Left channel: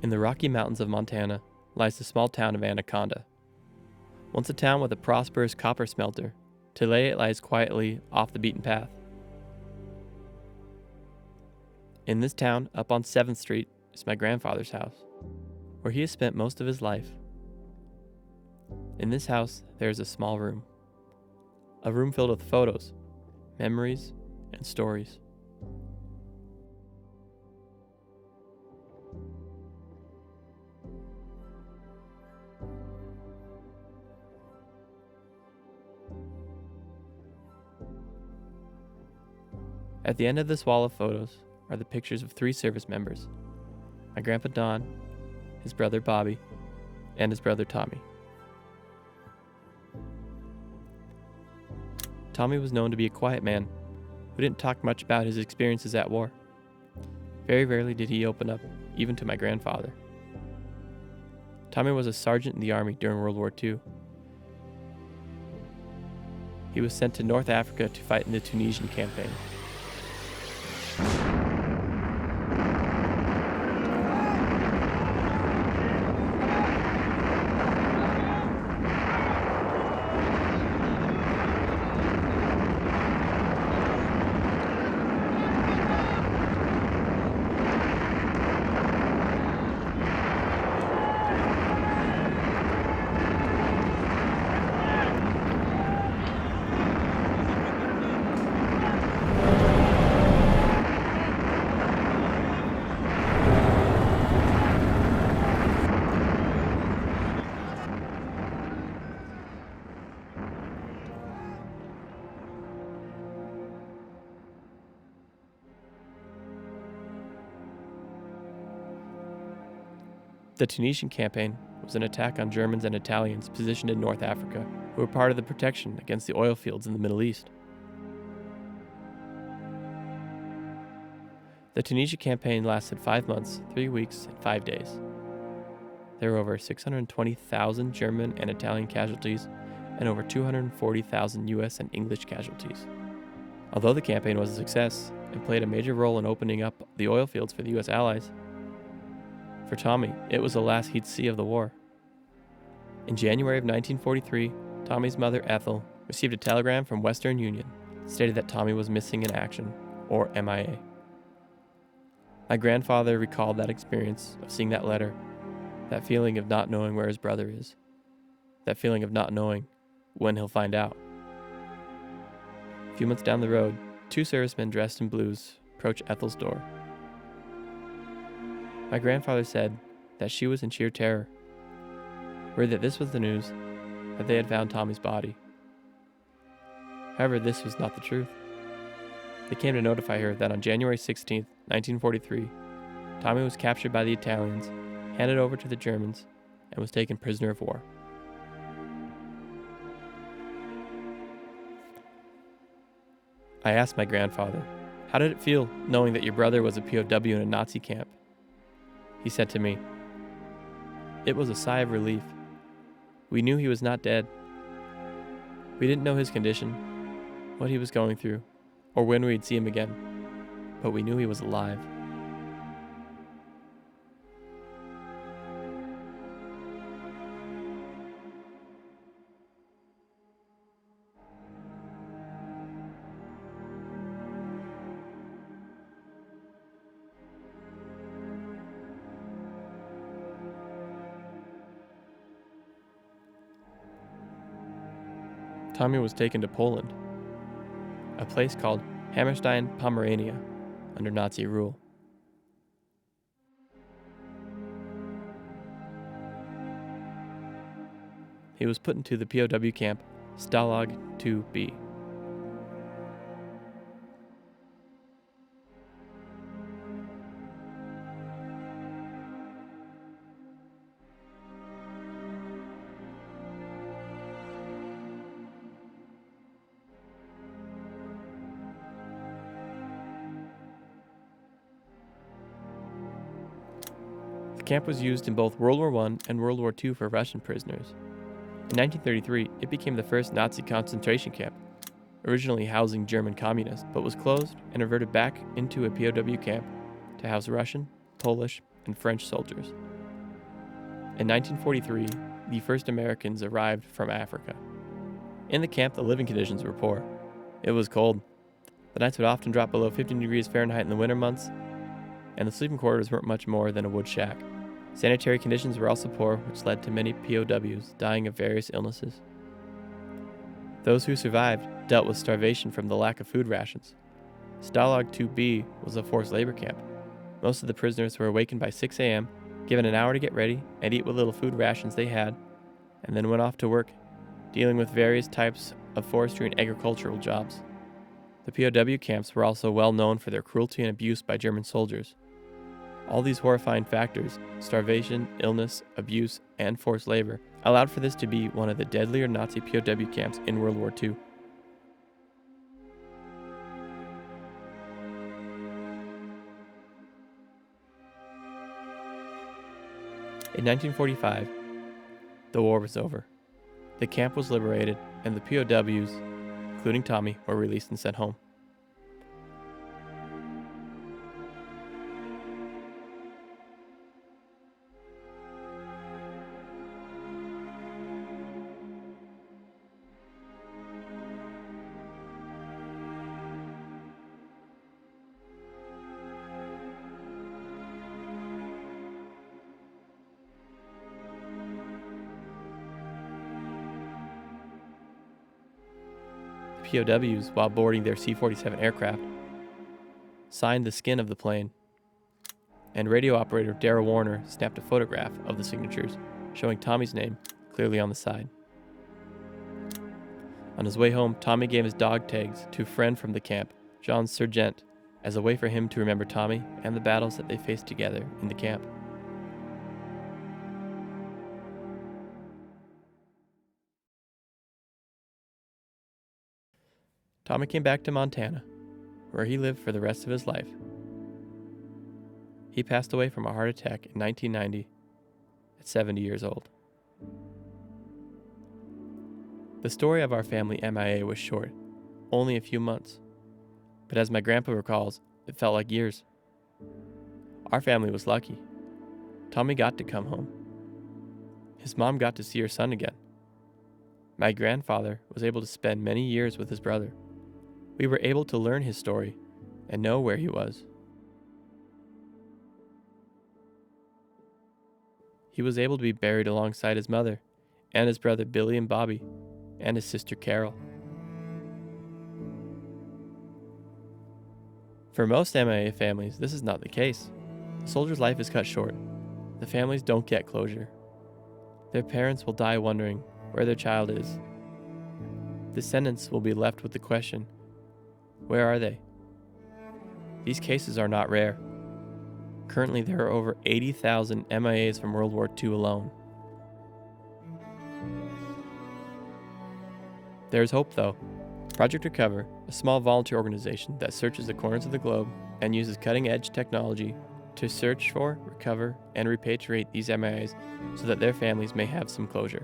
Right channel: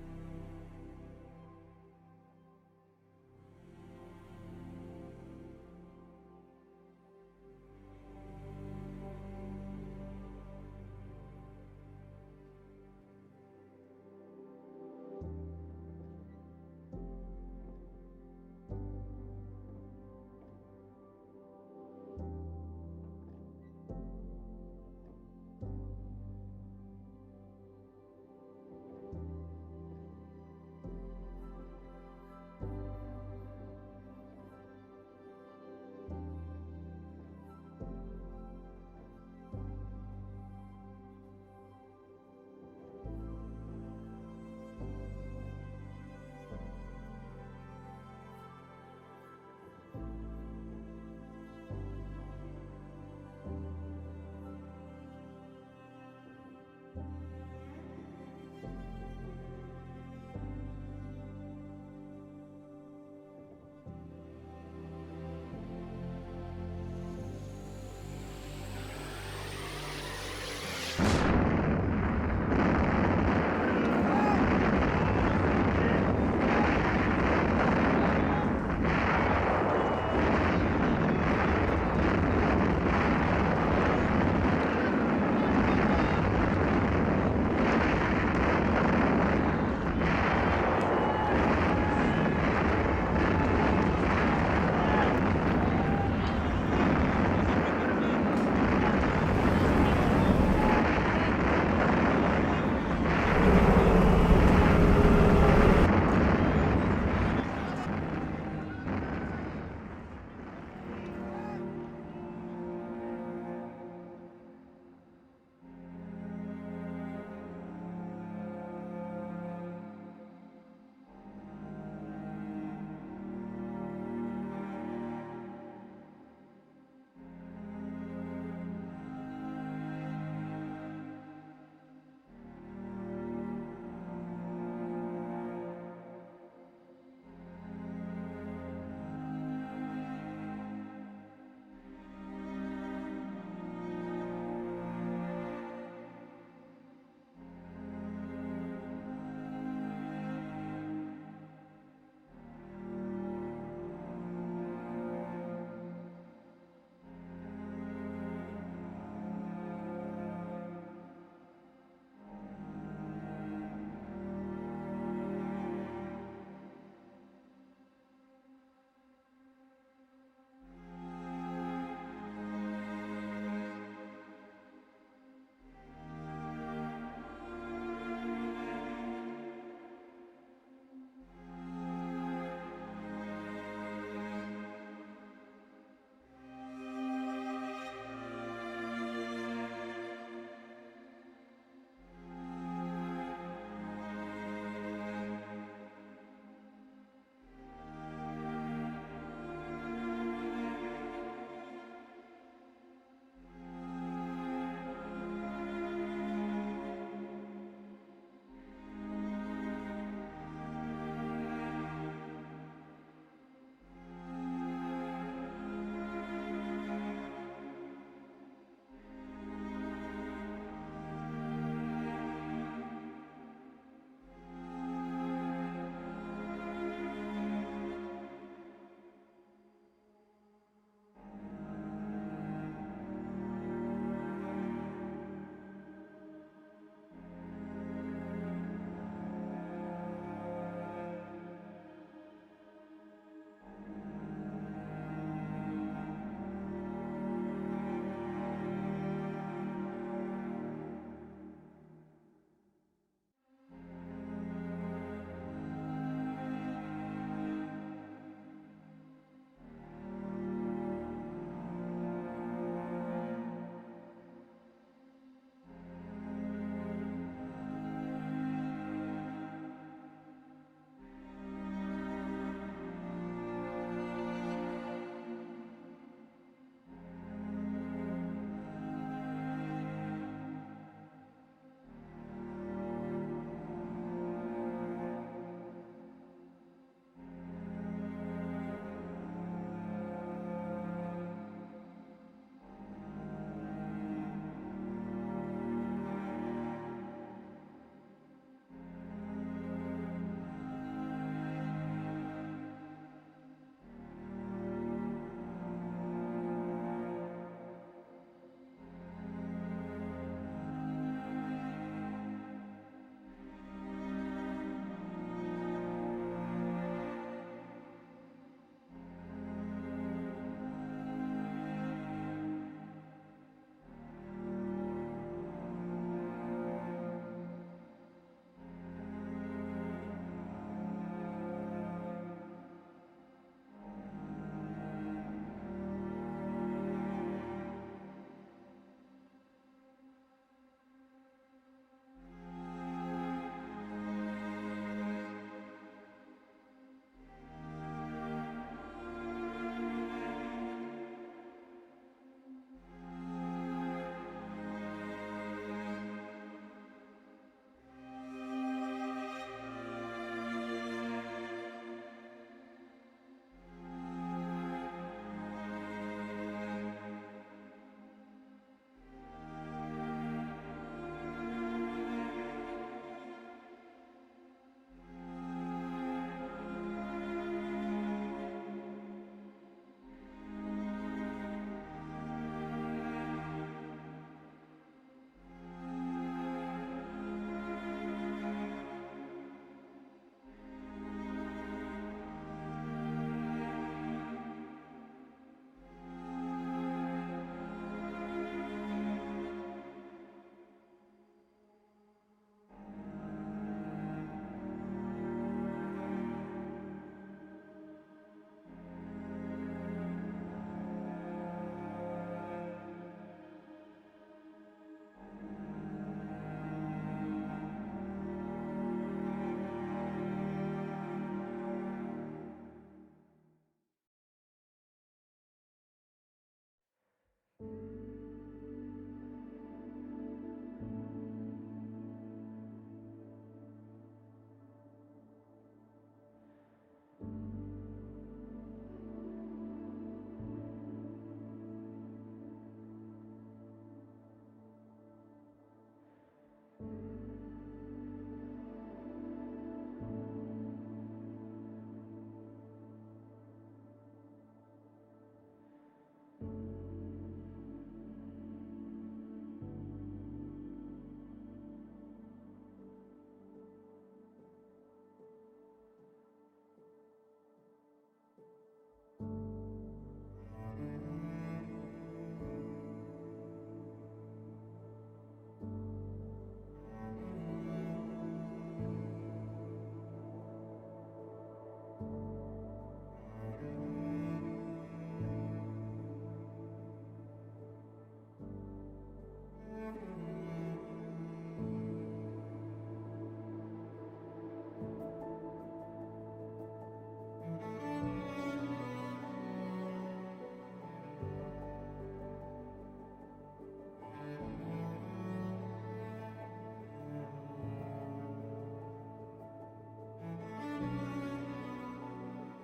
In the Rocky Mountains of Montana lies the small town of Anaconda. Once a town with a prosperous copper smelter, today it lies quietly off the beaten path. In this town, up on 7th Street, is my grandfather's house, where he has spent most of his life. In this house, there is a small room. A room filled with photos, memories, and stories. At the end of this wall of photos are the pictures of 3 service members: my grandpa Don, his brother Bobby, and his brother Tommy. Tommy was known to be a quiet man who didn't talk much about his experiences at war. Very rarely did he open up, even to my grandfather. Tommy was a sergeant in the army during World War II. He was sent to North Africa to fight in the Tunisian campaign. The Tunisian campaign was an attack on Germans and Italians positioned in North Africa, who were part of the protection against the oil fields in the Middle East. The Tunisia campaign lasted 5 months, 3 weeks, and 5 days. There were over 620,000 German and Italian casualties and over 240,000 US and English casualties. Although the campaign was a success and played a major role in opening up the oil fields for the US allies, for Tommy, it was the last he'd see of the war. In January of 1943, Tommy's mother, Ethel, received a telegram from Western Union that stated that Tommy was missing in action, or MIA. My grandfather recalled that experience of seeing that letter, that feeling of not knowing where his brother is, that feeling of not knowing when he'll find out. A few months down the road, 2 servicemen dressed in blues approach Ethel's door. My grandfather said that she was in sheer terror, worried that this was the news, that they had found Tommy's body. However, this was not the truth. They came to notify her that on January 16, 1943, Tommy was captured by the Italians, handed over to the Germans, and was taken prisoner of war. I asked my grandfather, "How did it feel knowing that your brother was a POW in a Nazi camp?" He said to me, "It was a sigh of relief. We knew he was not dead. We didn't know his condition, what he was going through, or when we'd see him again, but we knew he was alive." Tommy was taken to Poland, a place called Hammerstein, Pomerania, under Nazi rule. He was put into the POW camp Stalag 2B. The camp was used in both World War I and World War II for Russian prisoners. In 1933, it became the first Nazi concentration camp, originally housing German communists, but was closed and reverted back into a POW camp to house Russian, Polish, and French soldiers. In 1943, the first Americans arrived from Africa. In the camp, the living conditions were poor. It was cold. The nights would often drop below 15 degrees Fahrenheit in the winter months, and the sleeping quarters weren't much more than a wood shack. Sanitary conditions were also poor, which led to many POWs dying of various illnesses. Those who survived dealt with starvation from the lack of food rations. Stalag 2B was a forced labor camp. Most of the prisoners were awakened by 6 a.m., given an hour to get ready and eat what little food rations they had, and then went off to work, dealing with various types of forestry and agricultural jobs. The POW camps were also well known for their cruelty and abuse by German soldiers. All these horrifying factors, starvation, illness, abuse, and forced labor, allowed for this to be one of the deadlier Nazi POW camps in World War II. In 1945, the war was over. The camp was liberated, and the POWs, including Tommy, were released and sent home. POWs, while boarding their C-47 aircraft, signed the skin of the plane, and radio operator Darrell Warner snapped a photograph of the signatures, showing Tommy's name clearly on the side. On his way home, Tommy gave his dog tags to a friend from the camp, Jean Sergent, as a way for him to remember Tommy and the battles that they faced together in the camp. Tommy came back to Montana, where he lived for the rest of his life. He passed away from a heart attack in 1990 at 70 years old. The story of our family MIA was short, only a few months, but as my grandpa recalls, it felt like years. Our family was lucky. Tommy got to come home. His mom got to see her son again. My grandfather was able to spend many years with his brother. We were able to learn his story and know where he was. He was able to be buried alongside his mother and his brother Billy and Bobby and his sister Carol. For most MIA families, this is not the case. The soldier's life is cut short. The families don't get closure. Their parents will die wondering where their child is. Descendants will be left with the question, where are they? These cases are not rare. Currently, there are over 80,000 MIAs from World War II alone. There is hope, though. Project Recover, a small volunteer organization that searches the corners of the globe and uses cutting-edge technology to search for, recover, and repatriate these MIAs so that their families may have some closure.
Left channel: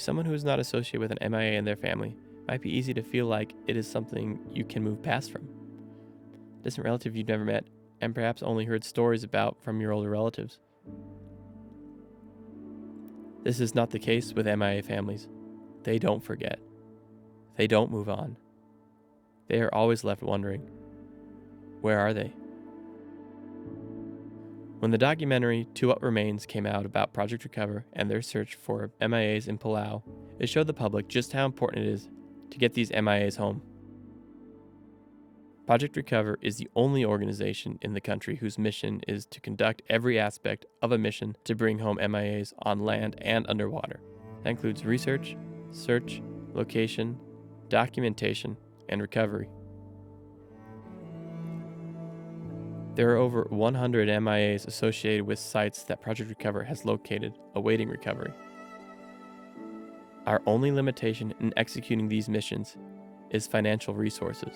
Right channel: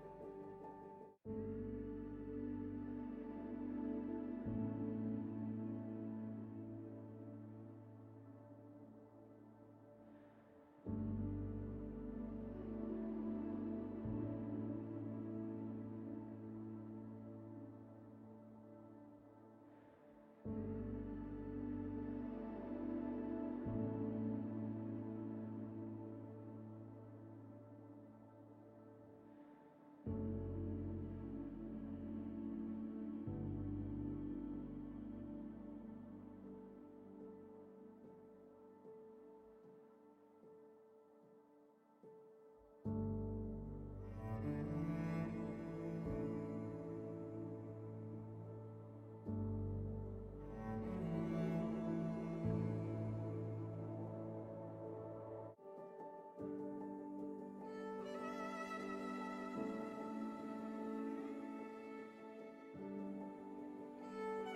To someone who is not associated with an MIA and their family, it might be easy to feel like it is something you can move past from. A distant relative you've never met, and perhaps only heard stories about from your older relatives. This is not the case with MIA families. They don't forget. They don't move on. They are always left wondering, where are they? When the documentary To What Remains came out about Project Recover and their search for MIAs in Palau, it showed the public just how important it is to get these MIAs home. Project Recover is the only organization in the country whose mission is to conduct every aspect of a mission to bring home MIAs on land and underwater. That includes research, search, location, documentation, and recovery. There are over 100 MIAs associated with sites that Project Recover has located, awaiting recovery. Our only limitation in executing these missions is financial resources.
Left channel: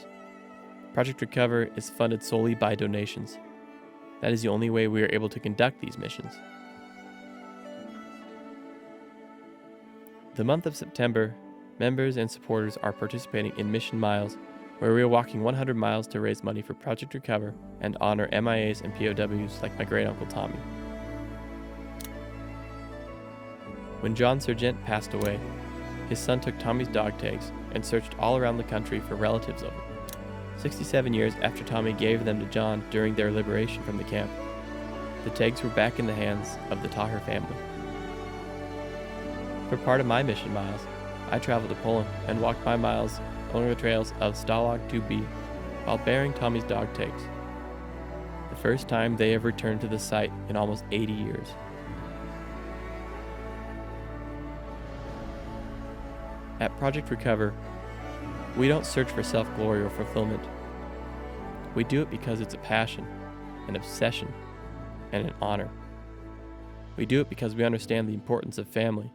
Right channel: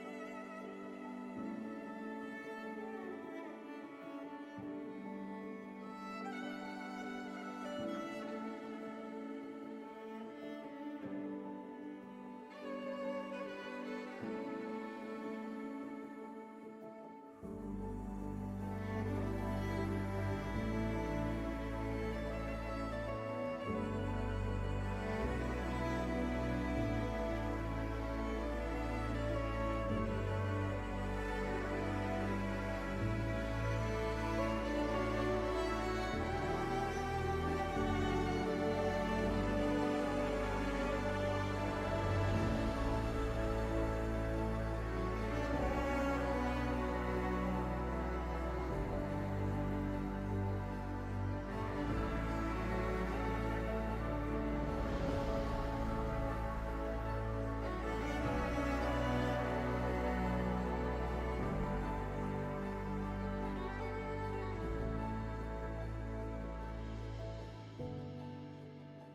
Project Recover is funded solely by donations. That is the only way we are able to conduct these missions. The month of September, members and supporters are participating in Mission Miles, where we are walking 100 miles to raise money for Project Recover and honor MIAs and POWs like my great uncle Tommy. When John Sargent passed away, his son took Tommy's dog tags and searched all around the country for relatives of him. 67 years after Tommy gave them to John during their liberation from the camp, the tags were back in the hands of the Tocher family. For part of my mission miles, I traveled to Poland and walked my miles along the trails of Stalag 2B while bearing Tommy's dog tags. The first time they have returned to the site in almost 80 years. At Project Recover, we don't search for self-glory or fulfillment. We do it because it's a passion, an obsession, and an honor. We do it because we understand the importance of family.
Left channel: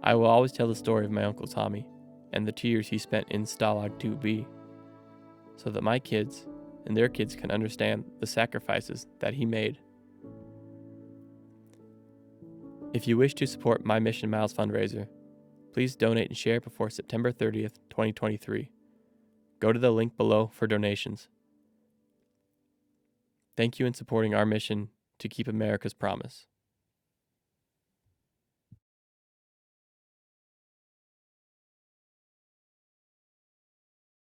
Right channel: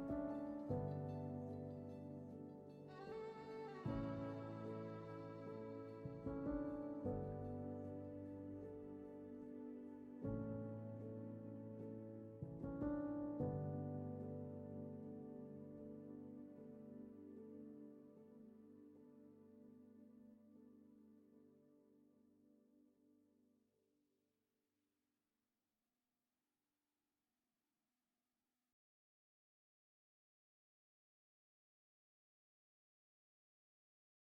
I will always tell the story of my Uncle Tommy and the 2 years he spent in Stalag 2B, so that my kids and their kids can understand the sacrifices that he made. If you wish to support My Mission Miles fundraiser, please donate and share before September 30th, 2023. Go to the link below for donations. Thank you in supporting our mission to keep America's promise.